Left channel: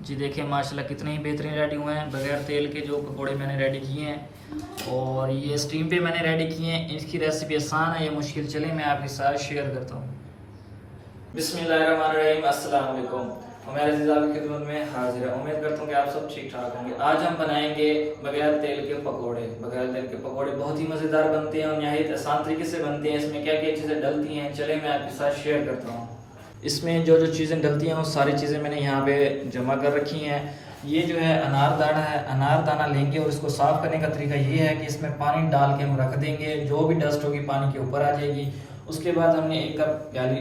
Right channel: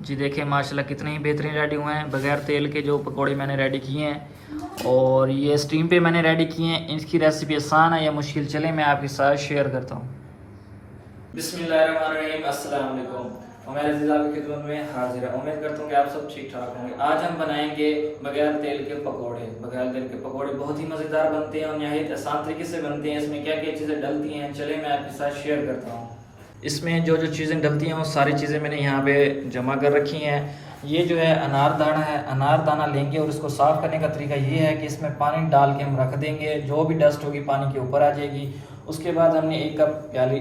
जी देखिए माशाल्लाह कितने ही बेहतरीन रेडी हुए हैं बगैर तेल के जो पकोड़े मैंने रेडी किए हैं। और ये स्टीम पे मैंने रेडी किए हैं। इसकी रेसिपी आसान है या मुश्किल, चले मैं आपके साथ शेयर करता हूँ। बिस्मिल्लाहिर्रहमानिर्रहीम, अस्सलाम वालेकुम। और मैं रज़ीज़ आपकी खिदमत में हाजिर है। उम्मीद करता हूँ कि आप सब ठीक ठाक होंगे। आज हम बनाएंगे बगैर तेल के पकोड़े। बगैर तेल के पकोड़े बहुत ही मज़ेदार बनते हैं और नहायत आसान तरीके से बनते हैं। इसमें क्या क्या चीज़ें डलती हैं चले मैं आपके साथ शेयर करता हूँ। इसमें जो जो चीज़ें डलती हैं वो सारी चीज़ें मैंने यहाँ पे जमा कर रखी हैं। ये जो है अनार दाना है, अनार दाना लेंगे और इसको साफ़ करने का तरीका ये है कि इसमें पानी डाल के हम रख देंगे, जो भी डस्ट होगी पानी के ऊपर आ जाएगी। उसके बाद हमने एक प्याली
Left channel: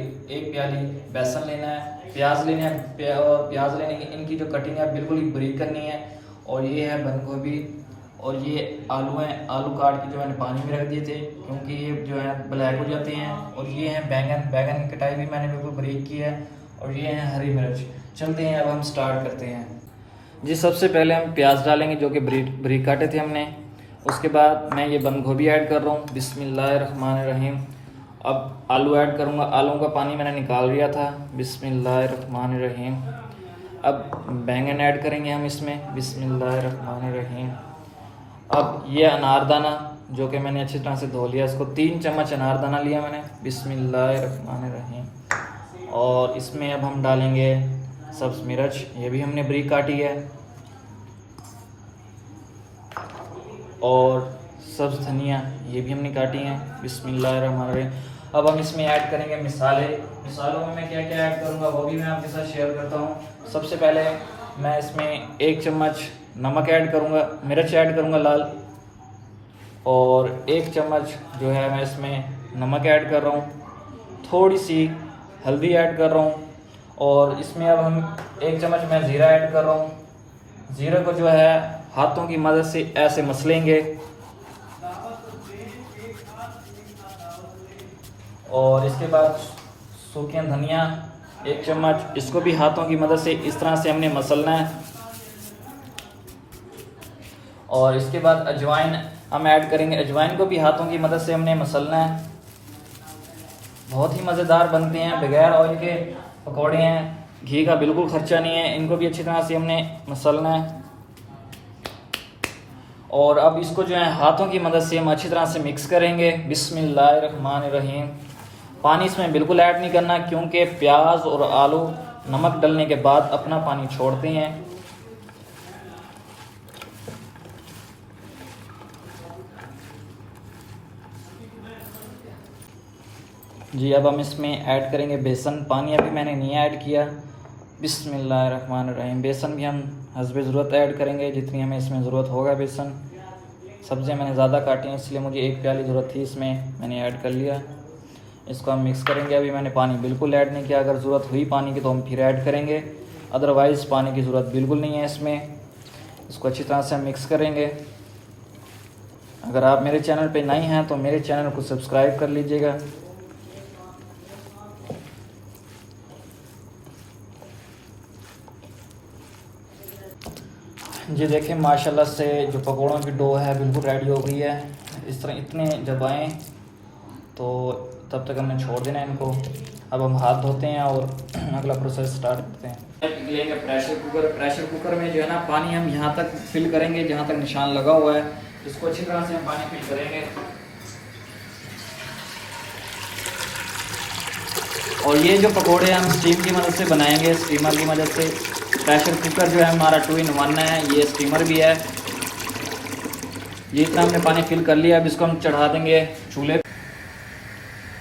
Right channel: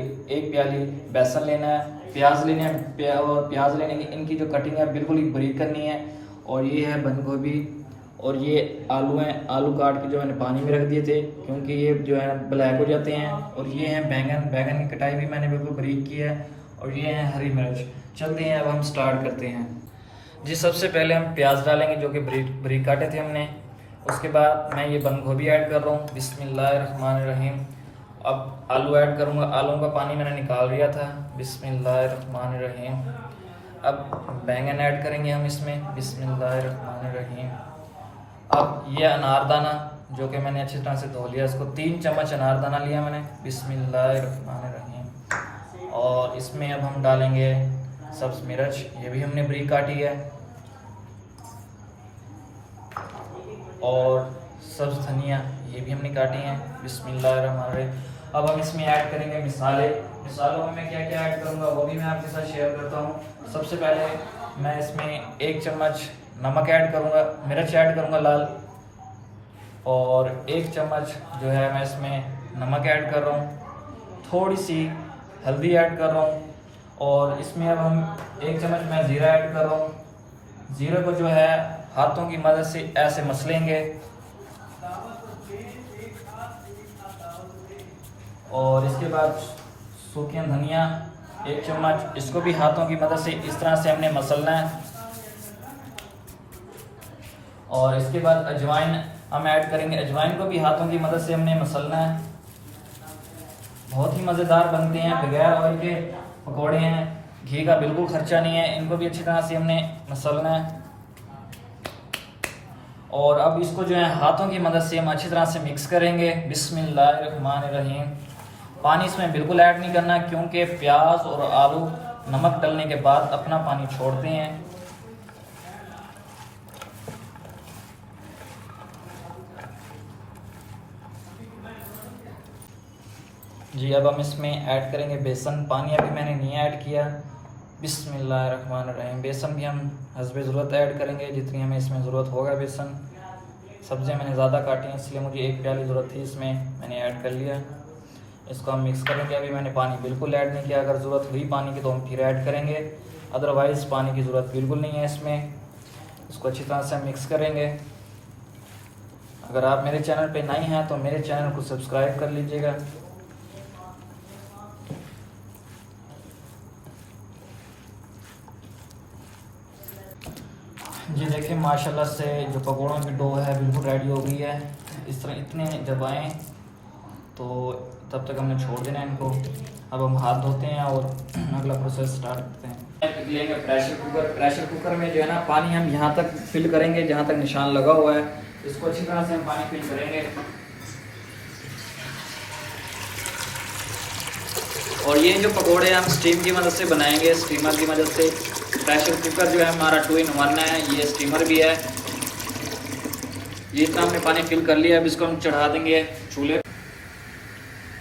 बेसन लेना है, प्याज लेना है और प्याज लेने की इनकी जो कटिंग है बिल्कुल ही बारीक करनी है। और ये है बंद गोभी और ये आलू हैं, आलू काट के जो मैंने पानी में रख दिए थे क्योंकि ये जो है ब्लैक हो जाते हैं। और ये हैं बैंगन, बैंगन की कटाई भी मैंने बिल्कुल बारीक की है। और ये हैं हरी मिर्च। चलते हैं अब हम स्टार्ट करते हैं। जी सबसे पहले हम प्याज डालेंगे जो कि बारीक काटे थे हमने। उसके बाद मैं ये बंद गोभी ऐड कर रहा हूँ, बिस्मिल्लाहिर्रहमानिर्रहीम। अब आलू ऐड करूँगा, आलू का पानी मैंने निकाल लिया था, बिस्मिल्लाहिर्रहमानिर्रहीम। अब बैंगन ऐड करेंगे हम इसमें, बिस्मिल्लाहिर्रहमानिर्रहीम। अब ये अनारदाना जो कि मैंने अच्छी तरह से धो लिया, इसको 3 चम्मच अनारदाना लिया मैंने, बिस्मिल्लाहिर्रहमानिर्रहीम। और इसमें अब हम डालेंगे सब्ज़ मिर्च, ये भी हमने बारीक काटी है। और सब्ज़ धनिया ये भी हमने काटी है, बिस्मिल्लाहिर्रहमानिर्रहीम। अब हम इसमें ऐड करेंगे मिसालों में मैं क्या क्या ऐड करूँगा वो भी मैं आपके साथ शेयर करता हूँ। सबसे पहले मैं इसमें 1 चम्मच नमक ऐड करूँगा, मिर्च ऐड करूँगा लाल। और 1 चम्मच जो है मैं इसमें नमक ऐड कर रहा हूँ, थोड़ी सी हल्दी ऐड कर रहा हूँ। और इसमें अब हम 1 चम्मच मैं ज़ीरा ऐड कर रहा हूँ। ज़ीरे को जो है हाथों की मदद से ऐसे मसलेंगे। और इसके बाद सूखी धनिया 1 चम्मच, इसको भी हाथों की मदद से इस तरह से हमने मसलना है। और इसके बाद अजवाइन हम ऐड करेंगे, अजवाइन को भी हाथों की मदद से हमने मसलना है। बहुत ही मज़ेदार बनते हैं, बगैर ऑयल के पकौड़े हैं, घी का बिल्कुल खर्चा नहीं है। इनको भी अच्छी तरह से हमने मसलना है। और अब इसको जो है हाथों की मदद से हम अच्छी तरह से मिक्स करेंगे, बिस्मिल्लाहिर्रहमानिर्रहीम। पानी इसमें बिल्कुल ऐड नहीं करना क्योंकि प्याज और आलू नमक डलने के बाद अपना पानी छोड़ते हैं। जी अब हम इसमें ऐड करेंगे बेसन, पानी अभी मैंने नहीं ऐड किया, बिस्मिल्लाहिर्रहमानिर्रहीम। बेसन भी हम हस्बे ज़रूरत ऐड करेंगे जितनी हमें इसमें ज़रूरत होगा बेसन। सब्जियां मैंने ज़्यादा काटी हैं इसलिए मुझे 1 प्याली ज़रूरत थी, इसमें मैंने ऐड कर लिया। इसको हम मिक्स करेंगे। अभी मैंने पानी बिल्कुल ऐड नहीं किया, अगर ज़रूरत हुई पानी की तो हम फिर ऐड करेंगे, अदरवाइज़ पानी की ज़रूरत बिल्कुल नहीं है इसमें। इसको अच्छी तरह से हम मिक्स करेंगे। अगर आप मेरे चैनल पे नए हैं तो मेरे चैनल को सब्सक्राइब कर लीजिएगा। जी देखिए माशाल्लाह से जो पकौड़ों की डो है बिल्कुल रेडी हो गई है। इस तरह इतने जब आएँ तो तब तक हमने छोड़ देना है इनको। अब हम हाथ धोते हैं और अगला प्रोसेस स्टार्ट करते हैं। लेंगे प्रेशर कुकर, प्रेशर कुकर में जो है ना पानी हम यहाँ तक फिल करेंगे जहाँ तक निशान लगा हुआ है, इसको अच्छी तरह से हम पानी फिल करेंगे। और ये जो पकौड़े हम स्टीम की मदद से बनाएंगे, स्टीमर की मदद से। प्रेशर कुकर जो है हमारा 2 in 1 है, ये स्टीमर भी है। ये इतना हमने पानी फिल कर लिया। अब इसको हम चढ़ा देंगे चूल्हे।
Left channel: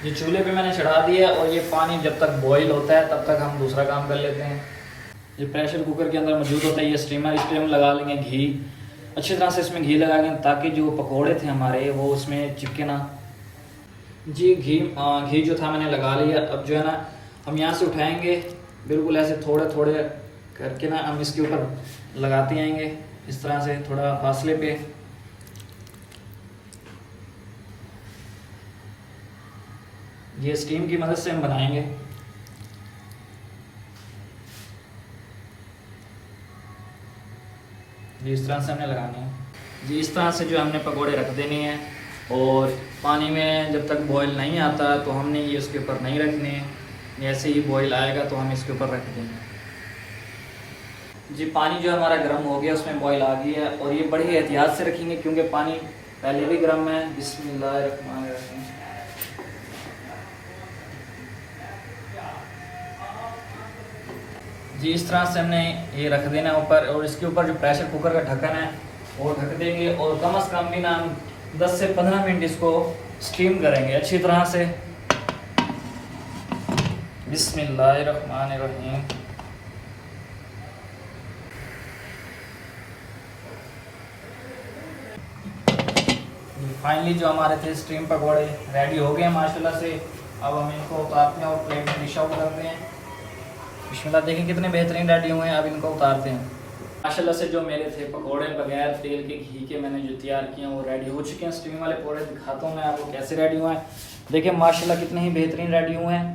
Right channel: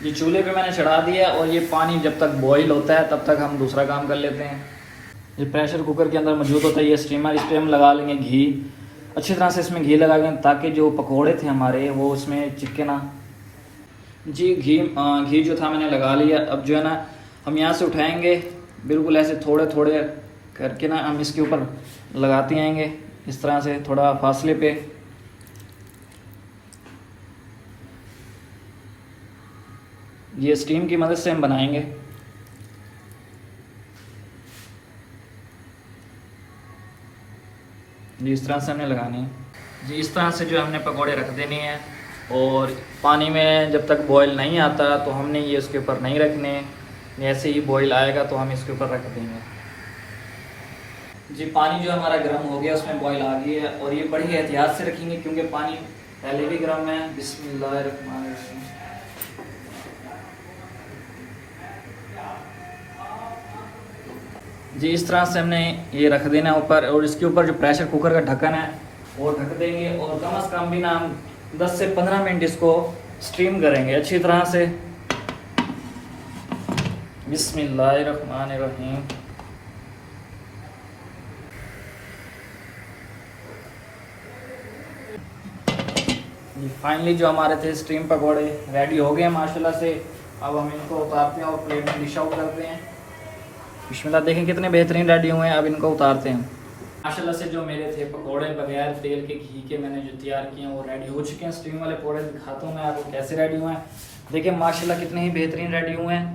ये चूल्हे पे मैंने चढ़ा दिया और ये पानी जब तक बॉईल होता है तब तक हम दूसरा काम कर लेते हैं। ये प्रेशर कुकर के अंदर मौजूद होता है ये स्टीमर। इस पर हम लगा लेंगे घी, अच्छी तरह से इसमें घी लगा लेंगे ताकि जो पकौड़े थे हमारे वो उसमें चिपके ना। जी घी जो था मैंने लगा लिया। अब जो है ना हम यहाँ से उठाएंगे, बिल्कुल ऐसे थोड़े थोड़े करके ना हम इसके ऊपर लगाते आएंगे, इस तरह से थोड़ा फासले पे। ये स्टीम की मदद से हम बनाएंगे। जी इस तरह से हमें लगाने हैं। जी इस तरह से जो हमने पकोड़े रख देने हैं। और पानी में जब तक बॉईल नहीं आता तो हमने ये उसके ऊपर नहीं रखने, जैसे ही बॉईल आएगा तो हम इसके ऊपर रख देंगे। जी पानी जो हमारा गर्म हो गया, उसमें बॉईल आ गई है और ये बड़ी एहतियात से रखेंगे क्योंकि पानी पहले भी गर्म है। बिस्मिल्लाहिर्रहमानिर्रहीम। जी इस तरह से हमने ये रख देना ऊपर, और इसके ऊपर जो प्रेशर कुकर का ढक्कन है वो ढक देंगे और कम से कम भी ना हम 10 से 15 मिनट इसको स्टीम करेंगे अच्छी तरह से। बिस्मिल्लाहिर्रहमानिर्रहीम। फाइनली जो हमारे थे स्टीम पकौड़े रेडी हो गए हैं माशाल्लाह से। अब हम इनको उतारते हैं और प्लेट में डिश आउट करते हैं। बिस्मिल्लाह, देखें कितने बेहतरीन रेडी हुए हैं। अब इनको उतारते हैं। माशाल्लाह से जो मेरे थे पकौड़े बगैर तेल के घी के मैंने जो तैयार किए हैं वो रेडी हो चुके हैं। स्टीम वाले पकौड़े दिखाता हूँ मैं आपको कैसे रेडी हुए हैं। देखिए माशाल्लाह कितने ही बेहतरीन रेडी हुए हैं।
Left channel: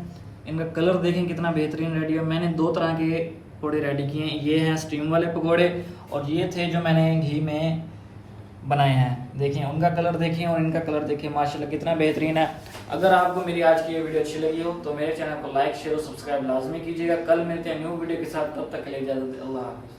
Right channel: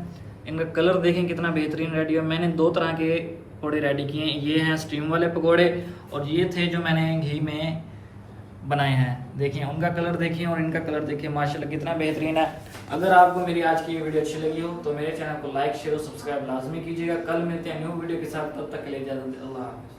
इनका कलर देखें कितना बेहतरीन रेडी हुआ। मैंने 2 तरह के पकौड़े रेडी किए हैं। ये हैं स्टीम वाले पकौड़े और ये थे जो मैंने घी में बनाए हैं। देखिए उनका कलर देखिए और इनका कलर देखिए माशाल्लाह कितना बेहतरीन है। अगर आपको मेरी आज की ये वीडियो अच्छी लगी हो तो मेरे चैनल को लाइक शेयर और सब्सक्राइब लाजमी कीजिएगा। कल मिलते हैं न्यू वीडियो के साथ, तब तक के लिए इजाज़त। अल्लाह हाफ़िज़।